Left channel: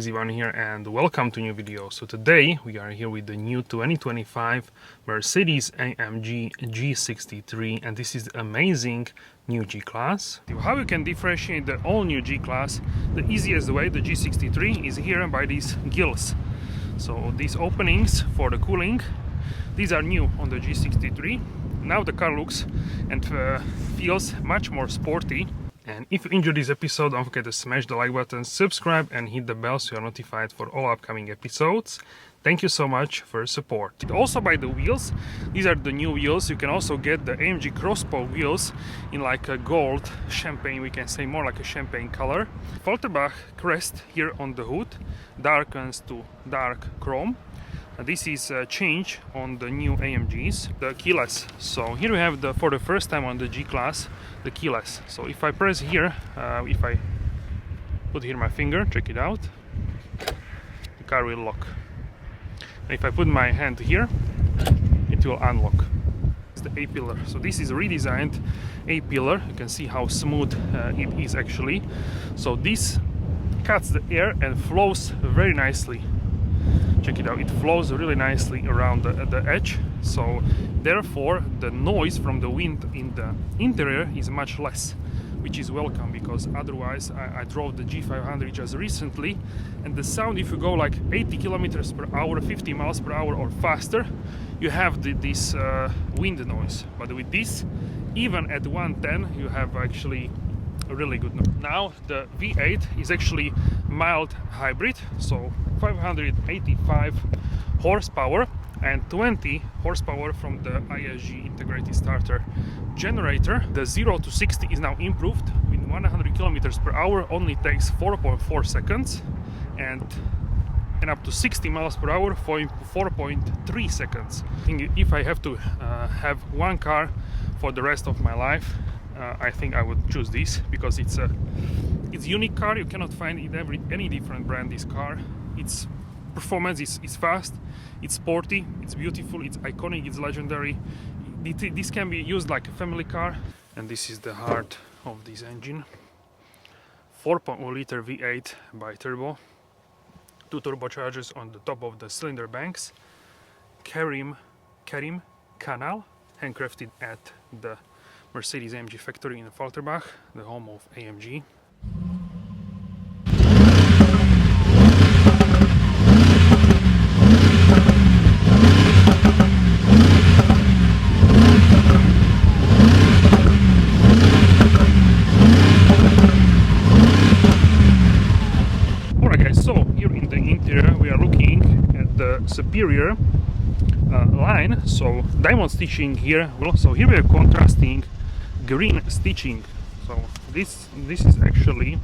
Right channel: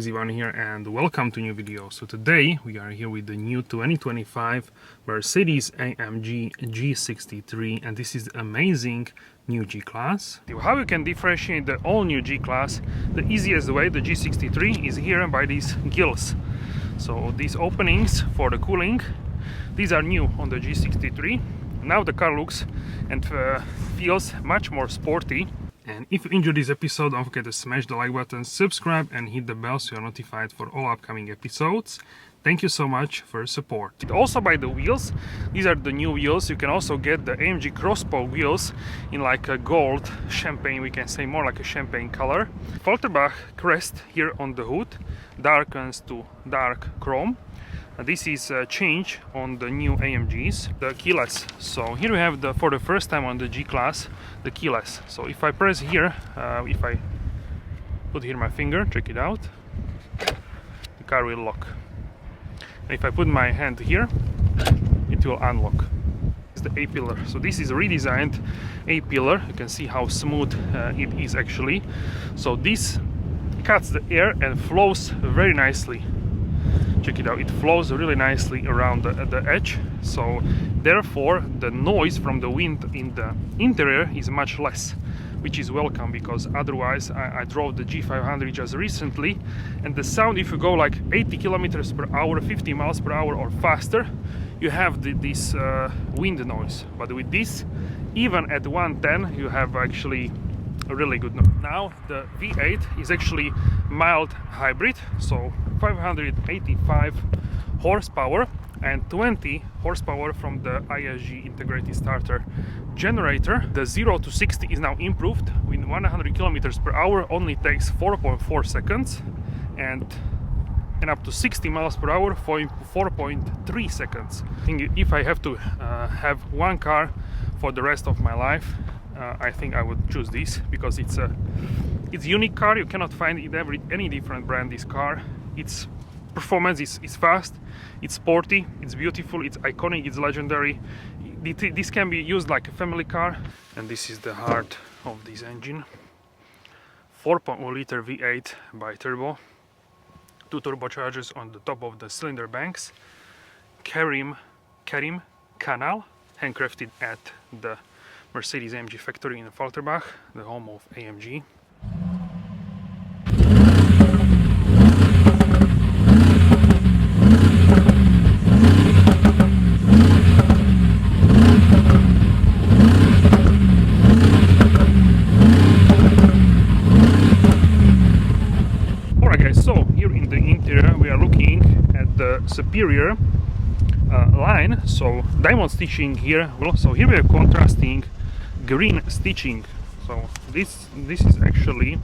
guys, Ivan here and welcome to new video. So today we are here with the new 2025 Mercedes-AMG G63 and this is the amazing new G-Class. How you can differentiate the all new G-Class? The easiest way, the G63, is here by these gills. So these openings for the cooling, these are new on the G63. Now the car looks and feels much more sporty. And if you enjoyed this episode, don't forget to smash the like button, subscribe and hit the bell so you're notified for all upcoming episodes. Thank you so much for your support. Also by the wheels, these are the new wheels. You can also get the AMG crossbow wheels in like a gold champagne, we can say more like a champagne color. AFFALTERBACH crest here on the hood, darkens to dark chrome. This is a change on the new AMGs, the keyless. So here we have for the first time on the G-Class, the keyless. So if I press here, if I put here my finger, check it out, the car will lock. And if I put my hand here, it will unlock. It's the A-pillar. So this is a redesigned A-pillar. You can see how smooth it is actually. So this cuts the air and flows very nicely. Check it out, it flows really nicely around the edge, so therefore the noise from the wind in the interior is much less, which is welcome, because otherwise I drove the G500 just recently and the sound, if you go like 80 kilometers per hour, 50 miles per hour or faster, you have this wind noise. But with this, even at 110, you have actually a really good noise. Now the V8 is actually mild hybrid, so 585 horsepower and 20 horsepower from the ISG integrated starter generator. The 0 to 60 is now improved. With 100 kilometers per hour only takes 4.4 seconds and up to 60 miles per hour 4.3 seconds. I think if I have to have one car for the rest of my life, I think I would choose this, because it's a unique car. You cannot find it any different brand. This car, its performance is fast, it's sporty, it's beautiful, it's iconic, it's legendary. This can be used like a family car. And this is the heart of this engine. 4.1 liter V8 bi-turbo, 2 turbochargers on the top of the cylinder banks, Karim canal, handcrafted at the Mercedes-AMG factory in AFFALTERBACH, the home of AMG. Alright guys, so here in the interior we are looking at the superior line, so diamond stitching here. So here we are contrasting green stitching. So this is actually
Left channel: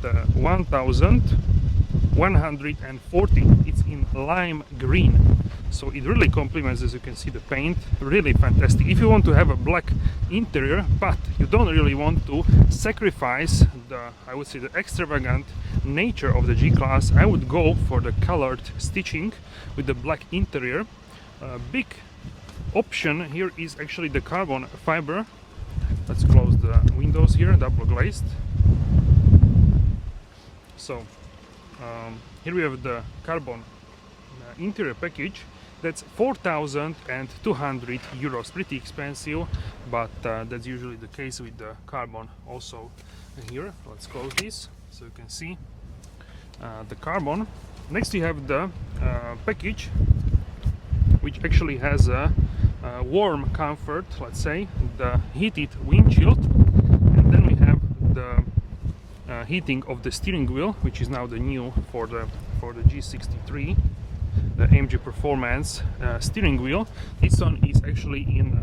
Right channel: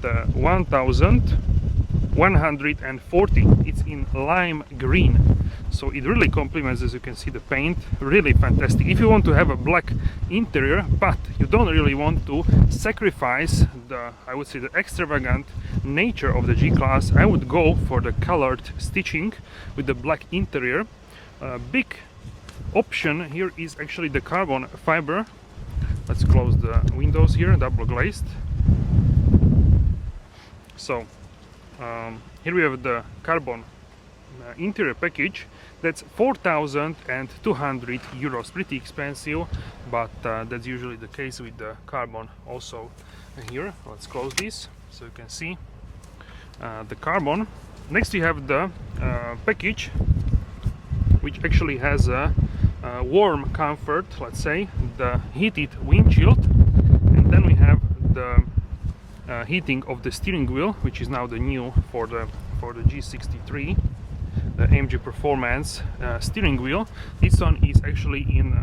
the 1140. It's in lime green, so it really complements, as you can see, the paint. Really fantastic. If you want to have a black interior but you don't really want to sacrifice the, I would say, the extravagant nature of the G-Class, I would go for the colored stitching with the black interior. Big option here is actually the carbon fiber. Let's close the windows here, double glazed. So here we have the carbon interior package. That's 4,200 euros, pretty expensive, but that's usually the case with the carbon also here. Let's close this so you can see the carbon. Next we have the package, which actually has a warm comfort, let's say, the heated windshield, and then we have the heating of the steering wheel, which is now the new for the G63, the AMG Performance steering wheel. This one is actually in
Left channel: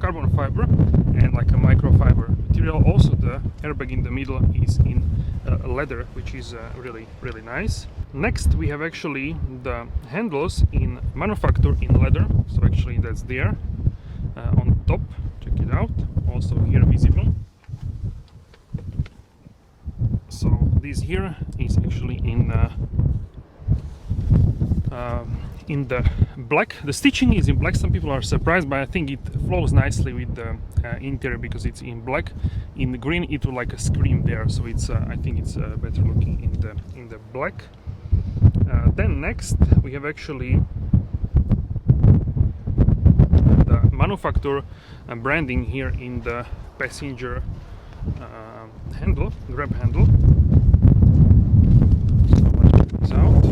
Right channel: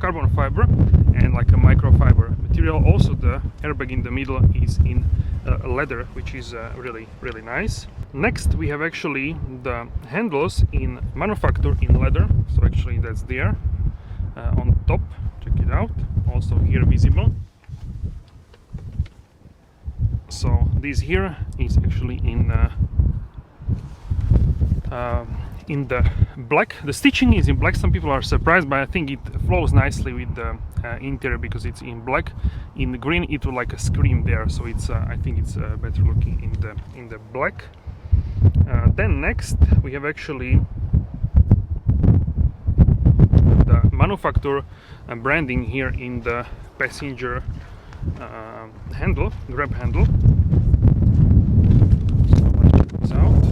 carbon fiber and like a microfiber material. Also the airbag in the middle is in leather, which is really nice. Next we have actually the handles in manufacture in leather, so actually that's there on top. Check it out, also here visible. So this here is actually in the black. The stitching is in black. Some people are surprised, but I think it flows nicely with the interior because it's in black. In the green it will like a scream there, so it's I think it's better looking in the black. Then next we have actually the manufacturer branding here in the passenger handle, grab handle. So let's check this out.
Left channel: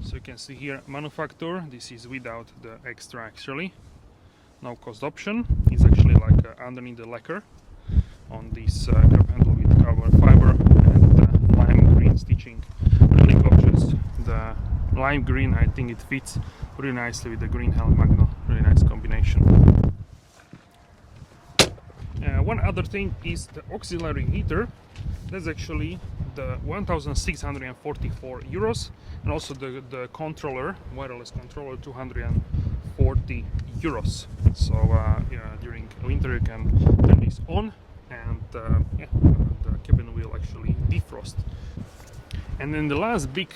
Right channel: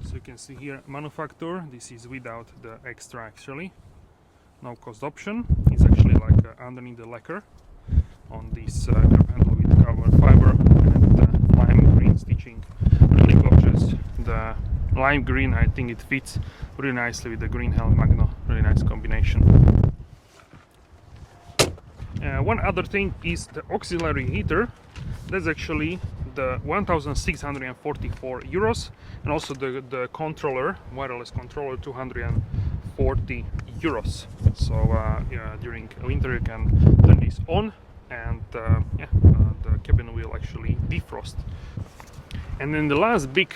So you can see here manufacturer. This is without the extra actually. No cost option. It's actually like underneath the lacquer on this grab handle with carbon fiber and lime green stitching. Really gorgeous. The lime green, I think it fits really nicely with the green helmet magno. Really nice combination. One other thing is the auxiliary heater. That's actually the 1,644 euros, and also the controller, wireless controller, 240 euros. So yeah, during winter you can turn this on, and yeah, the cabin will actually defrost. And then the last big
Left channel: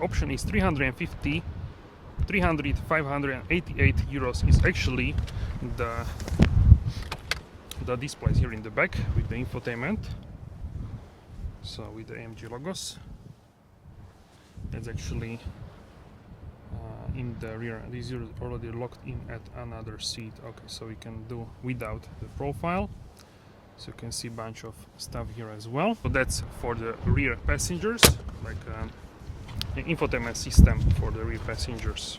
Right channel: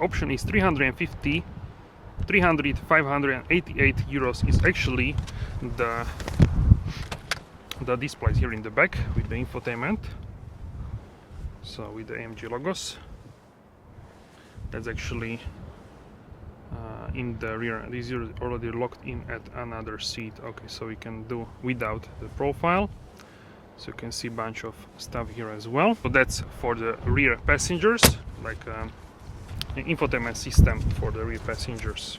option is 588 euros is actually the displays here in the back with the infotainment, so with the AMG logos. That's actually in the rear. This is already locked in at another seat. Okay, so we can do without the profile, so you can see a bunch of stuff here as well. So that's for the rear passengers, like an infotainment system for the rear passengers.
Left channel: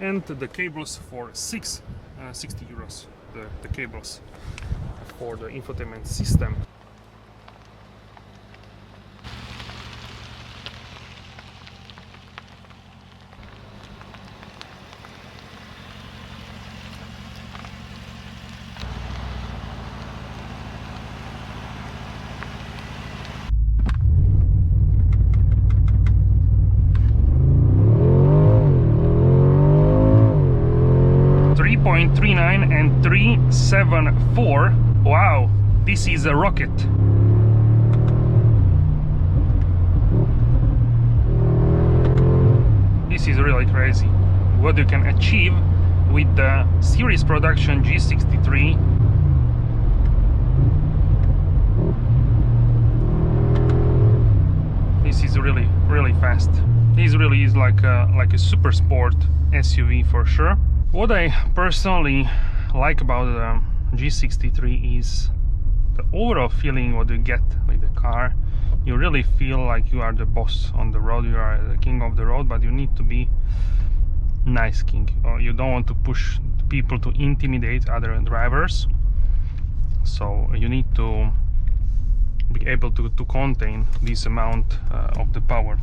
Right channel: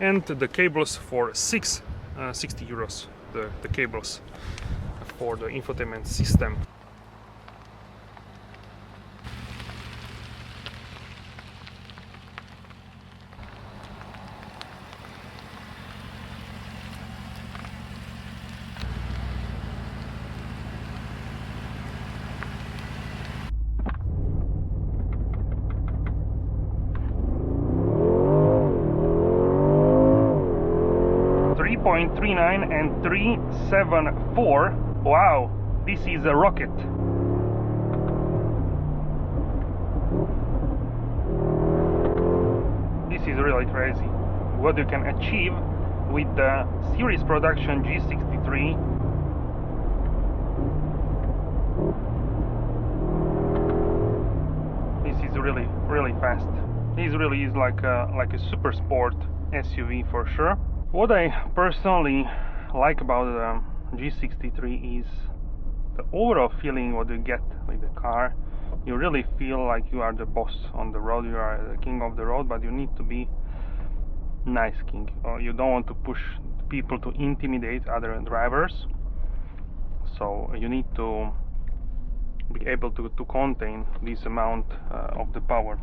And the cables for 60 euros, the cables for the infotainment system. .39 and 374. Wow, this is a rocket. This is really crazy what you can achieve with the series production G63. This is really fast. This really is like a super sport SUV for sure. What I personally like about the G63 is the overall feeling what you get with the car. You really feel like you are the boss on the road, you are the king of the road, but you need to be nice king. You don't want to push people to intimidate other drivers, so you need to be able to contain this amount of the power.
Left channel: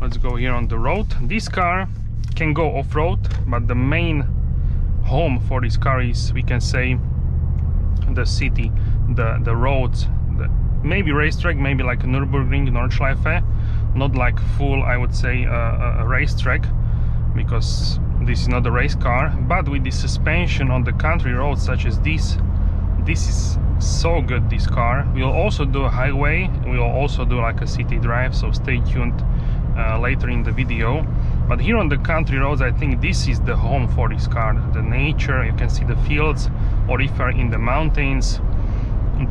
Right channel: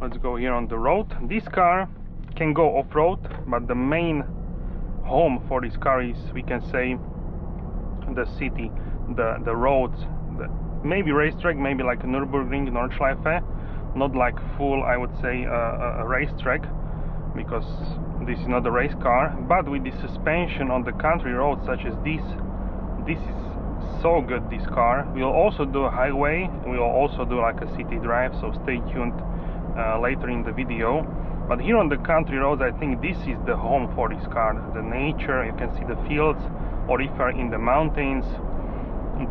Let's go here on the road. This car can go off-road, but the main home for this car is, we can say, the city, the roads, maybe racetrack, maybe like a Nürburgring, Nordschleife, not like full, I would say, a racetrack, because this is not a race car. But with the suspension on the country roads such as this is so good. This car will also do a highway, we will also do like a city drive, so stay tuned later in the video. But here on the country roads, I think this is the home for this car. The nature, you can see the fields, or if you're in the mountains,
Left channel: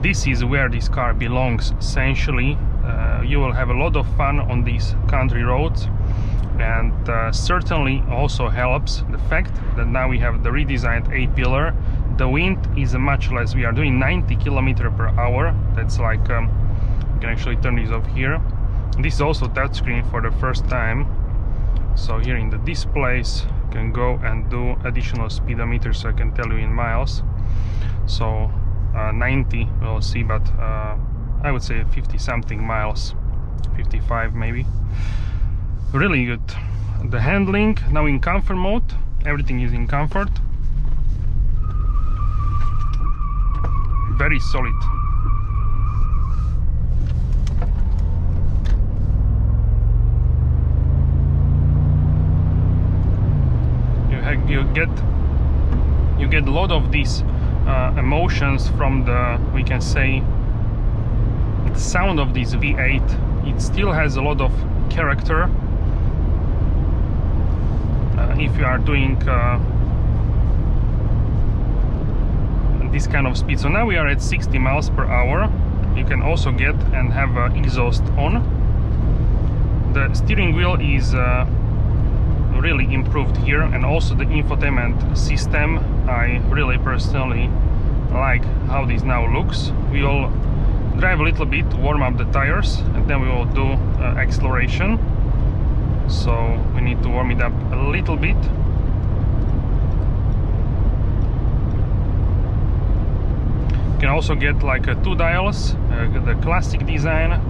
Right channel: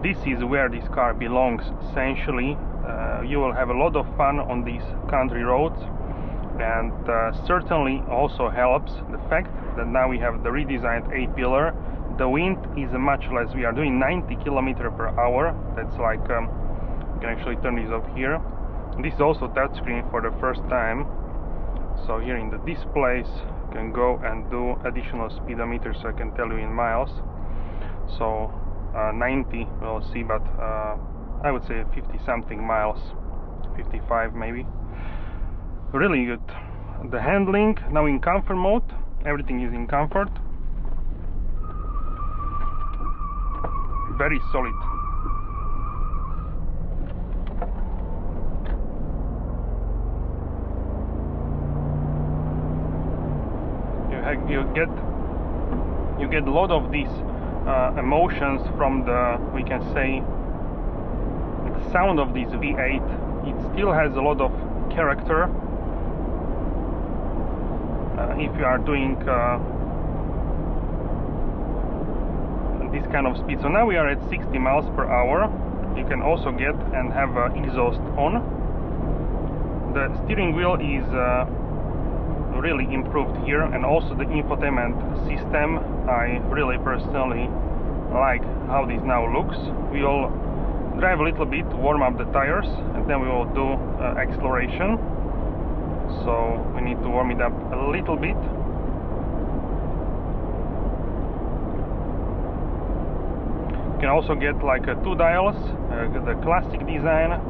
this is where this car belongs essentially. You will have a lot of fun on these country roads, and certainly also helps the fact that now we have the redesigned A-pillar. The wind is much less. We are doing 90 km/h. That's like, you can actually turn this off here. This is also touchscreen for the first time. So here in the displays you can go and do additional speedometer, so I can tell you in miles. So 90 we'll see, but I would say 50 something miles, 55 maybe. Really good. The handling now in comfort mode, everything is in comfort. Very solid. You get a lot of these emotions from the, we can say, the sound of this V8. It still has a lot of character if you are doing this kind of speed. So now we are at 60 miles per hour. You can also get and have exhaust on. The steering wheel is really improved here, and also the infotainment system. I really personally like how this now looks. We will drive a little bit, warm up the tires, and then we will do acceleration. So we need to warm it up a little bit. You can also get like 2 dials, the classic design,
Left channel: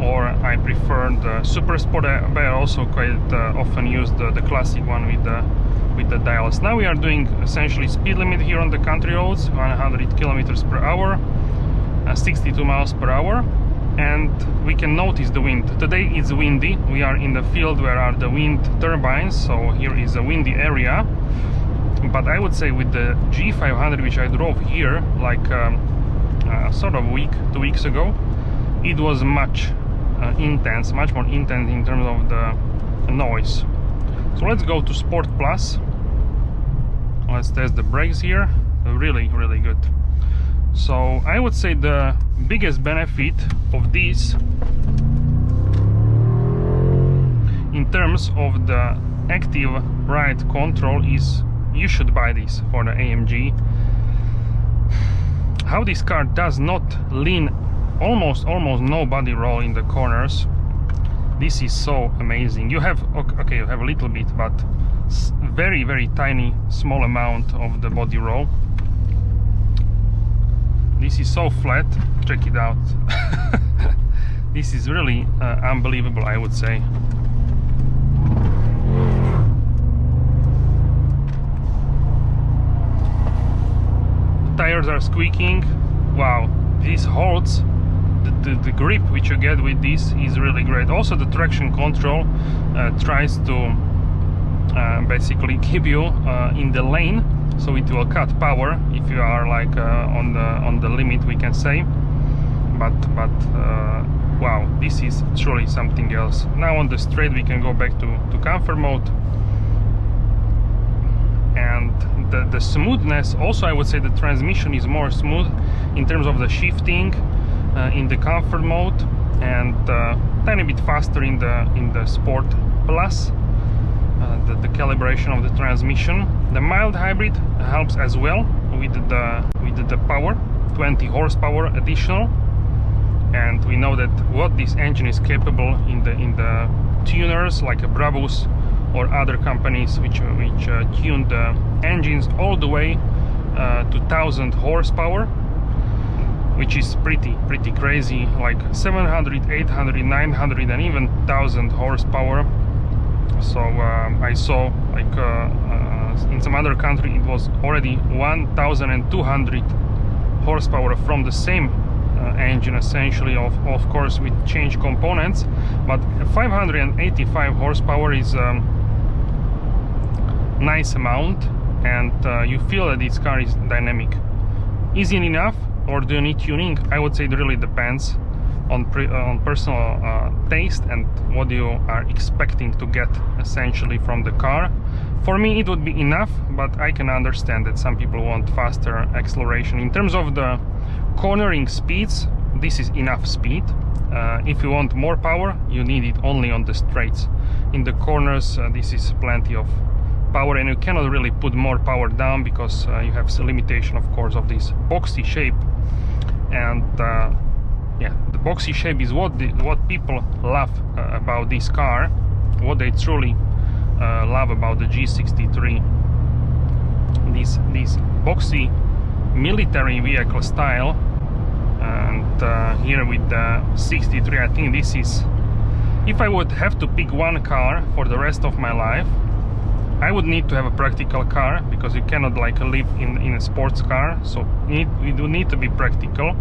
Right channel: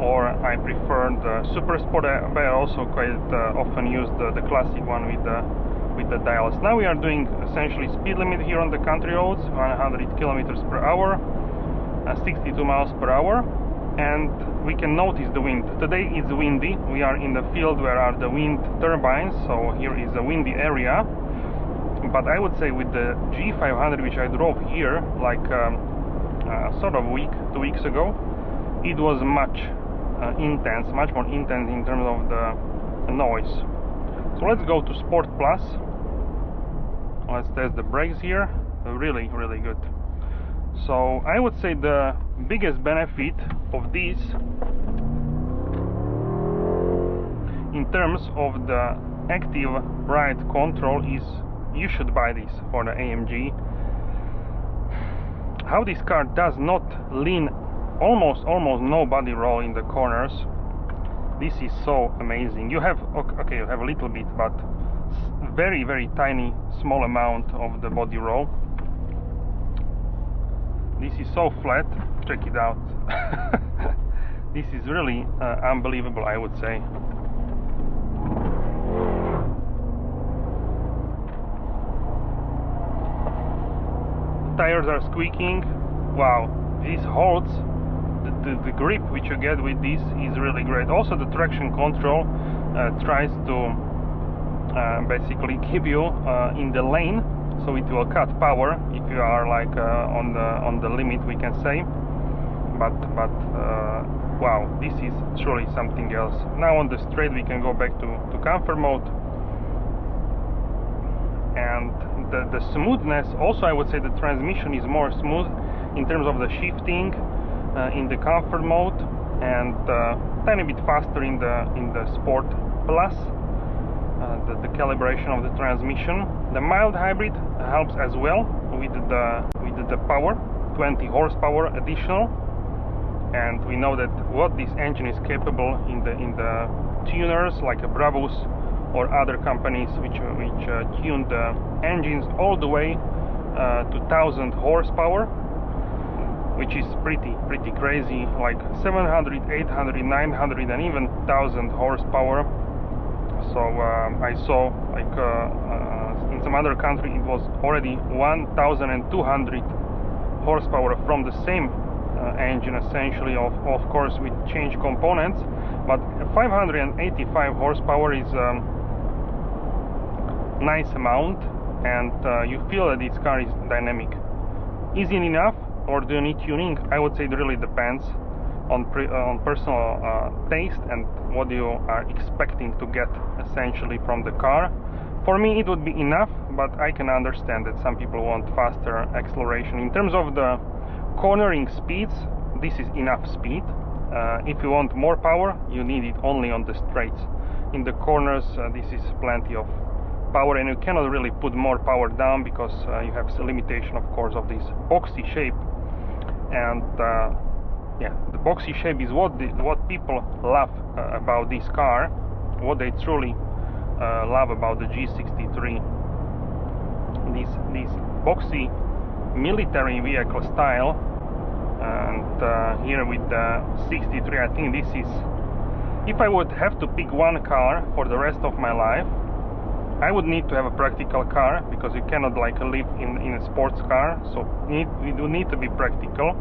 or I prefer the Super Sport, but I also quite often use the classic one with the dials. Now we are doing essentially speed limit here on the country roads, 100 kilometers per hour, 62 miles per hour, and we can notice the wind. Today it's windy. We are in the field where are the wind turbines, so here is a windy area. But I would say with the G500, which I drove here like sort of 2 weeks ago, it was much more intense in terms of the noise. So let's go to Sport Plus. Let's test the brakes here. Really good. So I would say the biggest benefit of this in terms of the active ride control is you should buy this for the AMG. How this car does not lean, almost no body roll in the corners. This is so amazing. You have, okay, you have a little bit, but very tiny, small amount of the body roll. This is so flat. Check it out. This is really unbelievable, I would say. Tires are squeaking. Wow, this holds. The grip which you get with this is really great. Also the traction control tries to basically keep you in the lane, so it will cut power if you are like on the limit, we can say. But wow, this is truly something else. Now on the straight we can go back to comfort mode. And the smoothness, also I would say the transmission is more smooth in terms of the shifting in the comfort mode, and tiny bit faster in the Sport Plus. The calibration of the transmission. The mild hybrid helps as well with the power, 20 horsepower additional, and we know that what this engine is capable in the tuners like a Brabus or other companies which tune the engines all the way to 1000 horsepower, which is pretty crazy, like 700, 800, 900 and even 1000 horsepower. So I saw like in some other country it was already 1200 horsepower from the same engine, essentially, of course with change components. But 585 horsepower is nice amount, and you feel that this car is dynamic. Is it enough, or do you need tuning? I would say it really depends on personal taste and what you are expecting to get essentially from the car. For me it would be enough, but I can understand that some people want faster acceleration. In terms of the cornering speeds, this is enough speed. If you want more power, you need it only on the straights. In the corners this is plenty of power, and you cannot really put more power down because you have a limitation, of course, of this boxy shape. And yeah, the boxy shape is what people love about this car, what they truly love about the G63. This boxy military vehicle style. And here with the 63, I think this is, if I would have to pick one car for the rest of my life, I would need to have a practical car, because you cannot like live in a sports car, so we do need to be practical.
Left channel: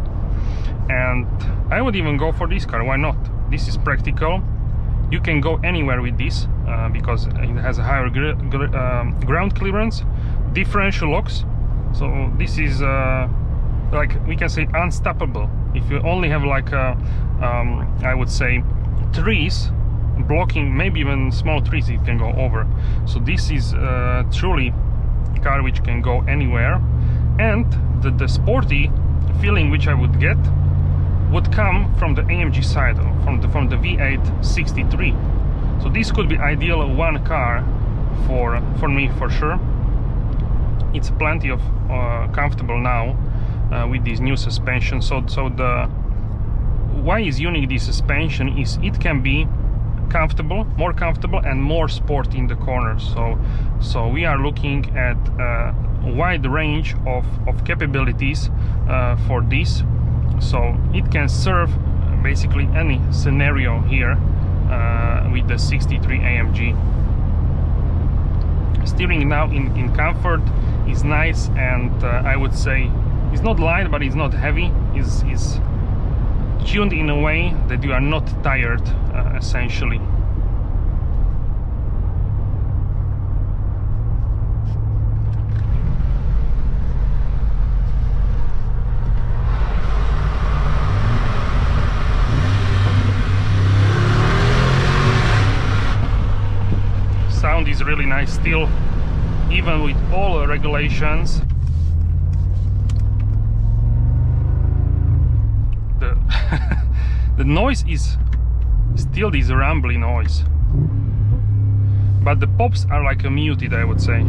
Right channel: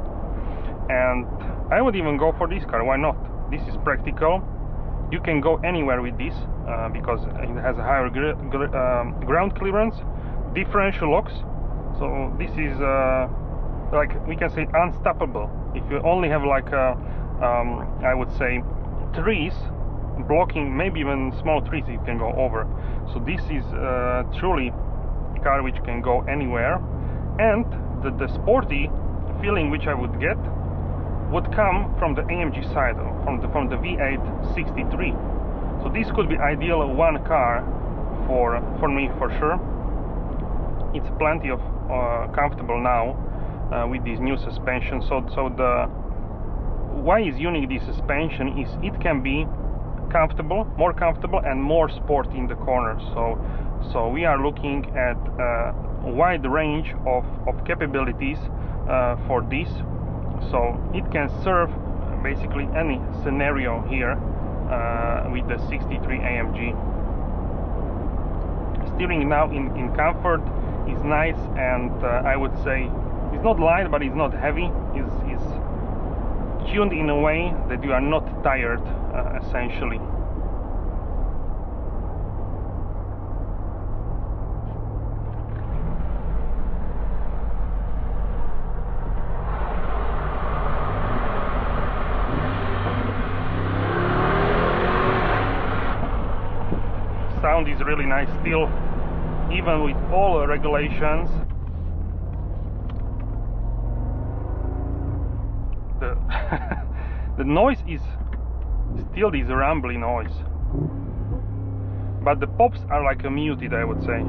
And I would even go for this car. Why not? This is practical. You can go anywhere with this because it has a higher ground clearance, differential locks, so this is like we can say unstoppable. If you only have like a I would say trees blocking, maybe even small trees it can go over. So this is truly a car which can go anywhere, and the sporty feeling which I would get would come from the AMG side, from the V8 63. So this could be ideal one car for me for sure. It's plenty of comfortable now with this new suspension. So the why is unique this suspension is it can be comfortable, more comfortable and more sporty in the corners. So we are looking at a wide range of capabilities for this. So it can serve basically any scenario here with the 63 AMG. Steering now in comfort is nice, and I would say it's not light but it's not heavy. Is tuned in a way that you are not tired essentially. Sound is really nice still, even with all regulations. The noise is still this rumbly noise, but the pops are like a muted, I would say.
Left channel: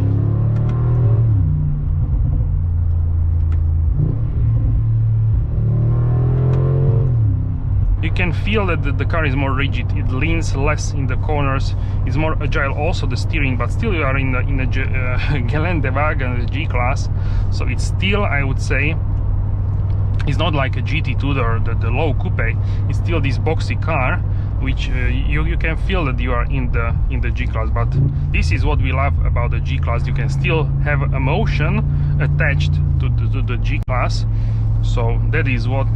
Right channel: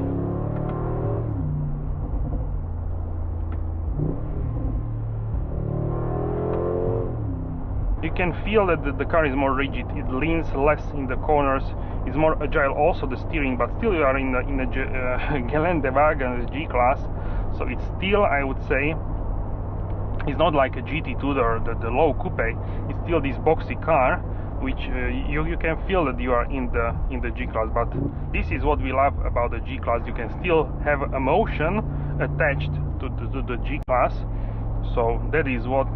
You can feel that the car is more rigid, it leans less in the corners, it's more agile also the steering, but still you are in the Geländewagen, the G-Class, so it's still, I would say, it's not like a GT2 or the low coupe, it's still this boxy car, which you can feel that you are in the G-Class. But this is what we love about the G-Class, you can still have emotion attached to the G-Class, so that is what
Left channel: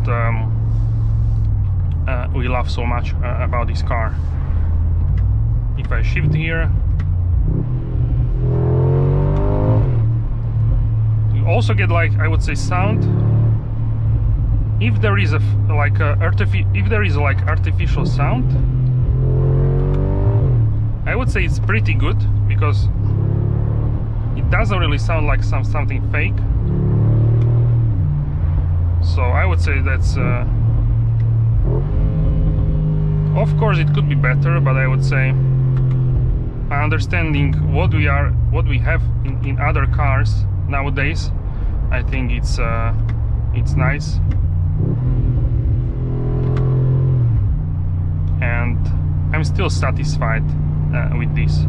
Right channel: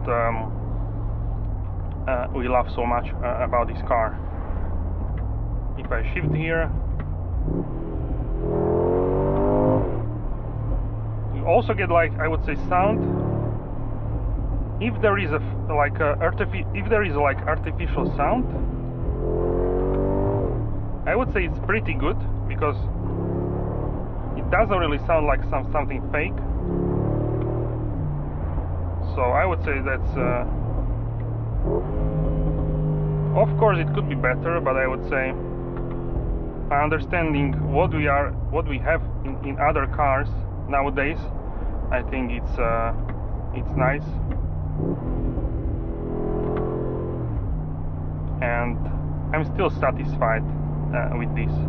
we love so much about this car. If I shift here, you also get, like, I would say, sound. If there is artificial sound, I would say it's pretty good, because it doesn't really sound like something fake. So I would say that's of course it could be better, but I would say understanding what we have in other cars nowadays, I think it's nice, and I'm still satisfied with this.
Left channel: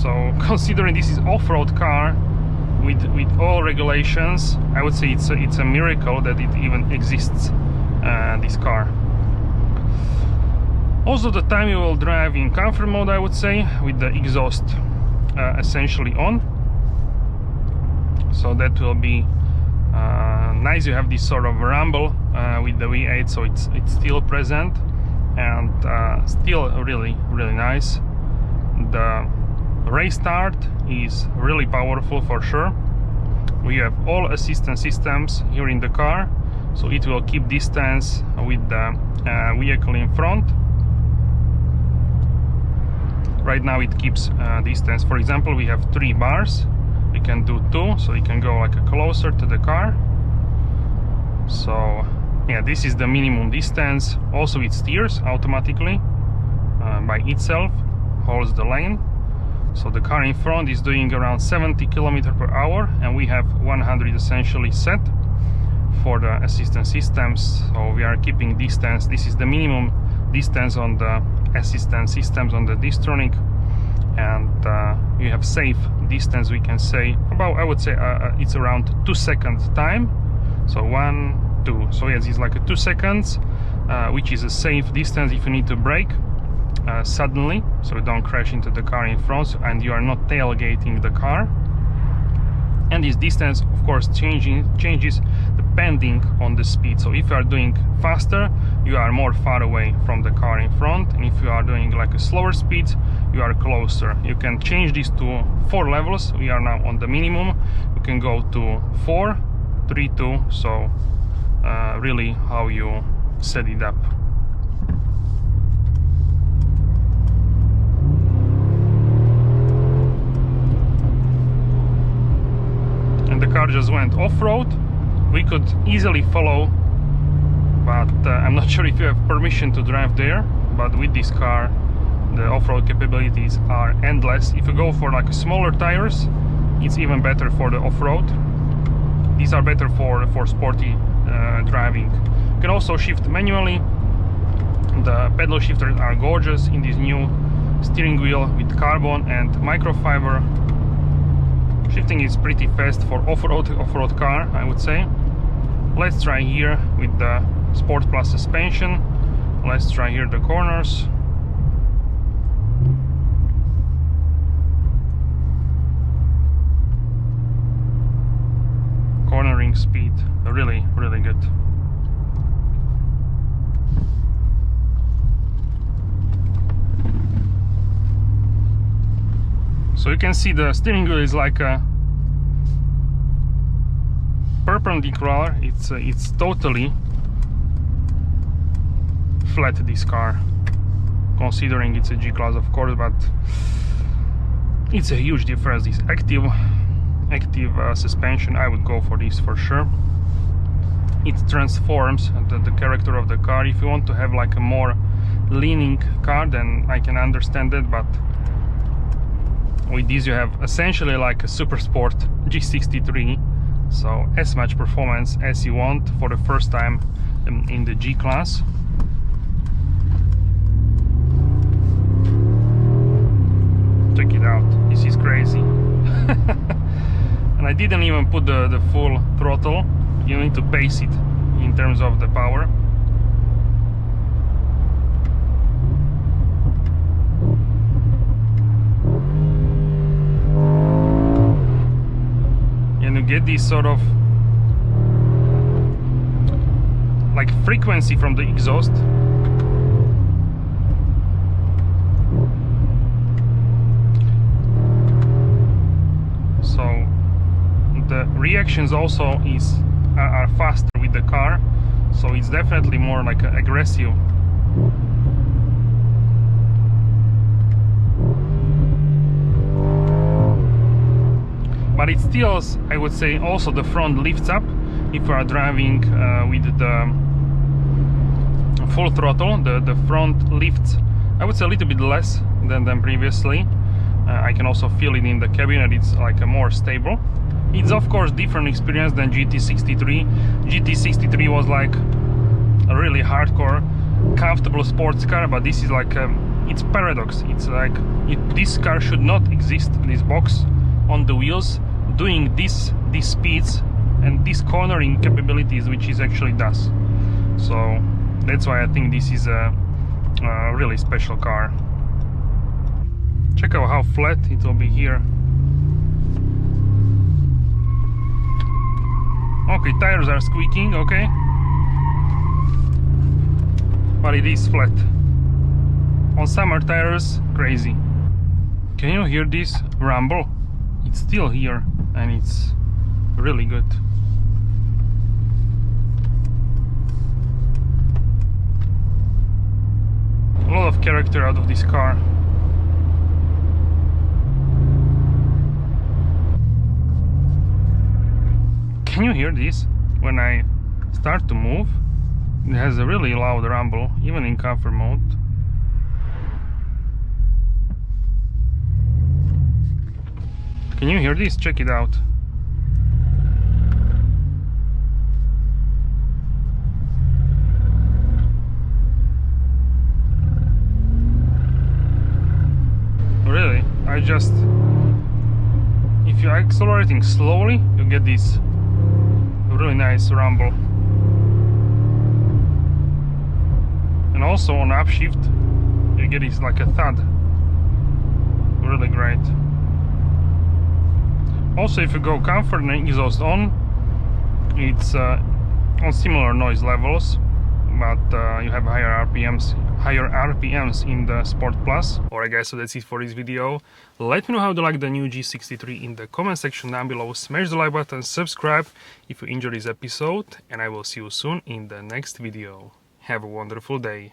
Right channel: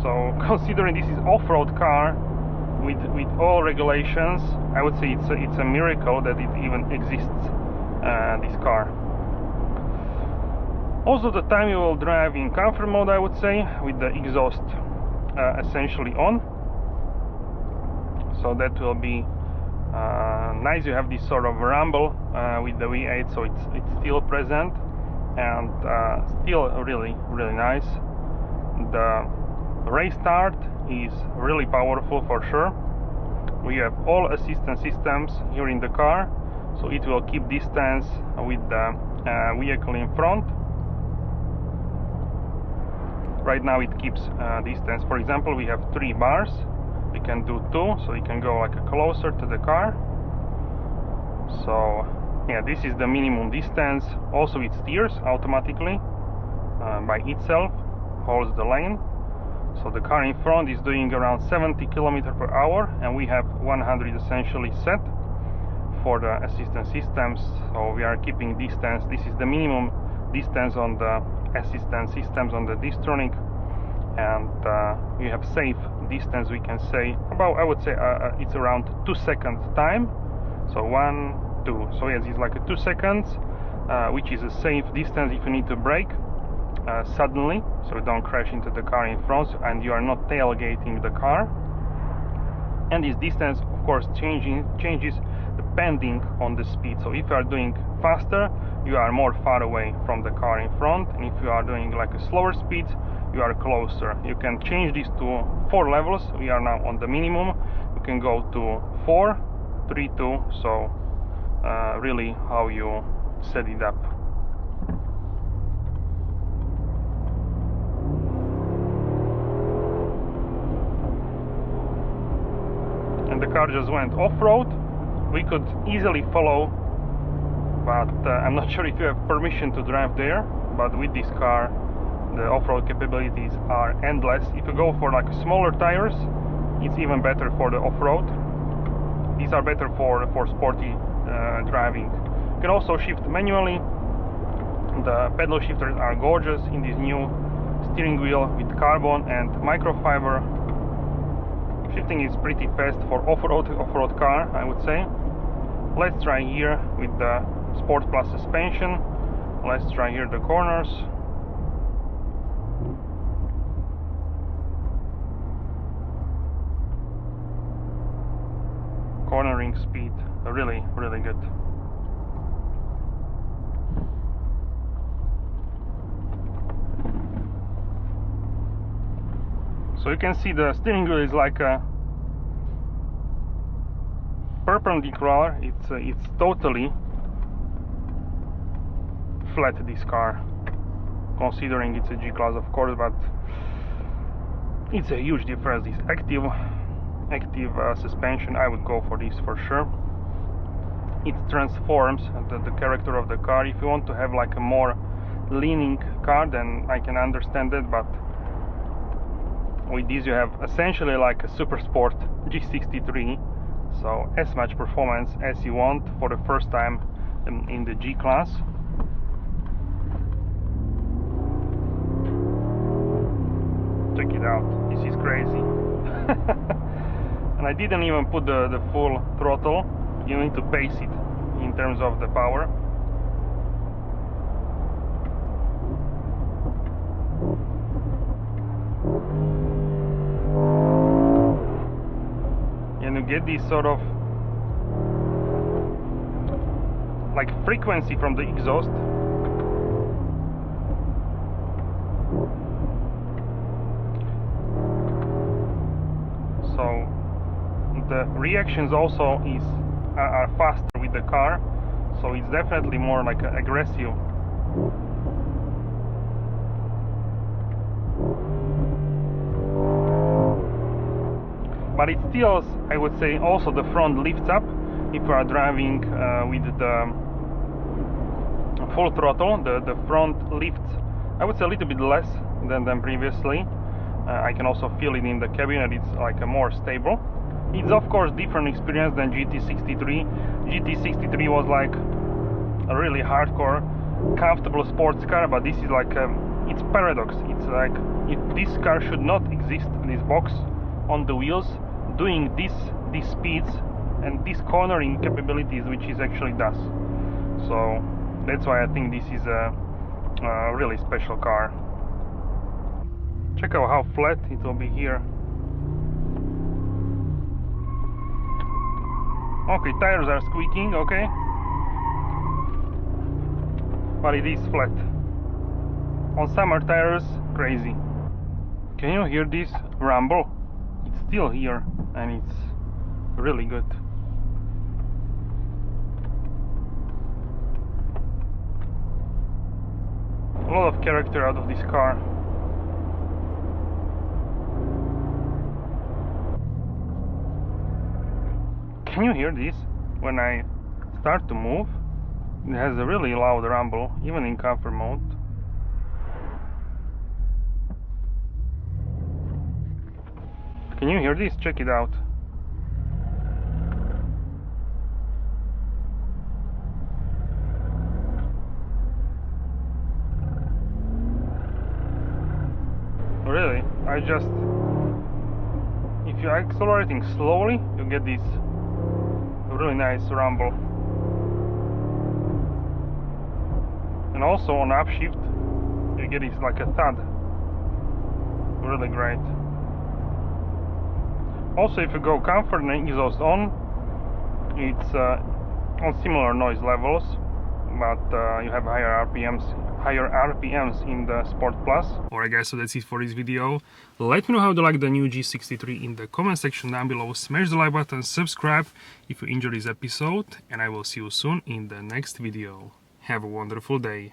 So considering this is off-road car with all regulations, I would say it's a miracle that it even exists, this car. Also the time you will drive in comfort mode, I would say, with the exhaust essentially on, so that will be nice. You have this sort of rumble with the V8, so it's still present, and still really nice. The race start is really powerful for sure. We have all assistance systems here in the car, so it will keep distance with the vehicle in front. Right now it keeps distance. For example, we have 3 bars, we can do 2, so you can go like closer to the car. So yeah, this is the minimum distance. Also it steers automatically by itself, holds the lane. So the car in front is doing around 70 km/h, and we have 100 essentially set for the assistance systems. So we are keeping distance. This is the minimum distance on the assistance systems on the Distronic, and you have safe distance, we can say about, I would say it's around 2 seconds time. So 1, 2. So yes, it's like 2 seconds, which is a safe distance if you need to brake suddenly, so you don't crash into the car in front and you are not tailgating the car. And this distance, of course, changes depending on the speed. So if you are doing faster, you are more far away from the car in front, and if you are doing like a slower speed, you are closer. You can change this to 4 levels. We are now on the minimum. You can go to 4, 3, 2. So really how you set it up. And the car just went off-road. We could easily follow, but I'm not sure if you have permission to drive there. But with this car, the off-road capabilities are endless. If you go for like smaller tires, it's even better for the off-road. These are better for sporty driving. You can also shift manually. The pedal shifters are gorgeous in this new steering wheel with carbon and microfiber. Shifting is pretty fast for off-road car, I would say. Let's try here with the Sport Plus suspension. Let's try here the corners. Cornering speed, really good. So you can see the steering wheel is like a perpendicular. It's totally flat, this car, considering it's a G-Class, of course, but it's a huge difference. This active suspension, I would go for this for sure. It transforms the character of the car. If you want to have like a more leaning car, then I can understand that, but with this you have essentially like a super sport G63, so as much performance as you want for the first time in the G-Class. Check it out, this is crazy. And I didn't even put the full throttle. You need to pace it in terms of the power. And you get this sort of like frequency from the exhaust. So the reactions also are faster with the car, so it's definitely more like aggressive. But it still, I would say, also the front lifts up if you are driving with the full throttle. The front lifts, I would say, a little bit less than previously. I can also feel it in the cabin, and it's like a more stable. It's of course different experience than GT63. GT63 was like a really hardcore, comfortable sports car, but this is like it's paradox. It's like this car should not exist. This box on the wheels doing these speeds and these cornering capabilities, which it actually does. So that's why I think this is a really special car. Check out how flat it will be here. Okay, tires are squeaking, okay, but it is flat. On summer tires, crazy. Can you hear this rumble? It's still here, and it's really good. A lot of character out of this car. Can you hear this? When I start to move, it has a really loud rumble, even in comfort mode. Can you hear this? Check it out. Really? If you're accelerating slowly, you get this really nice rumble. And also on upshift, you get this like a thud. Really great. Also, if you go comfort and exhaust on, it's on similar noise levels, but you have higher RPMs in the Sport Plus. Alright guys, so that's it for this video. Let me know how you like the new G63 in the comment section down below. Smash the like button, subscribe if you enjoyed this episode, and I will see you soon in the next video. Have a wonderful day.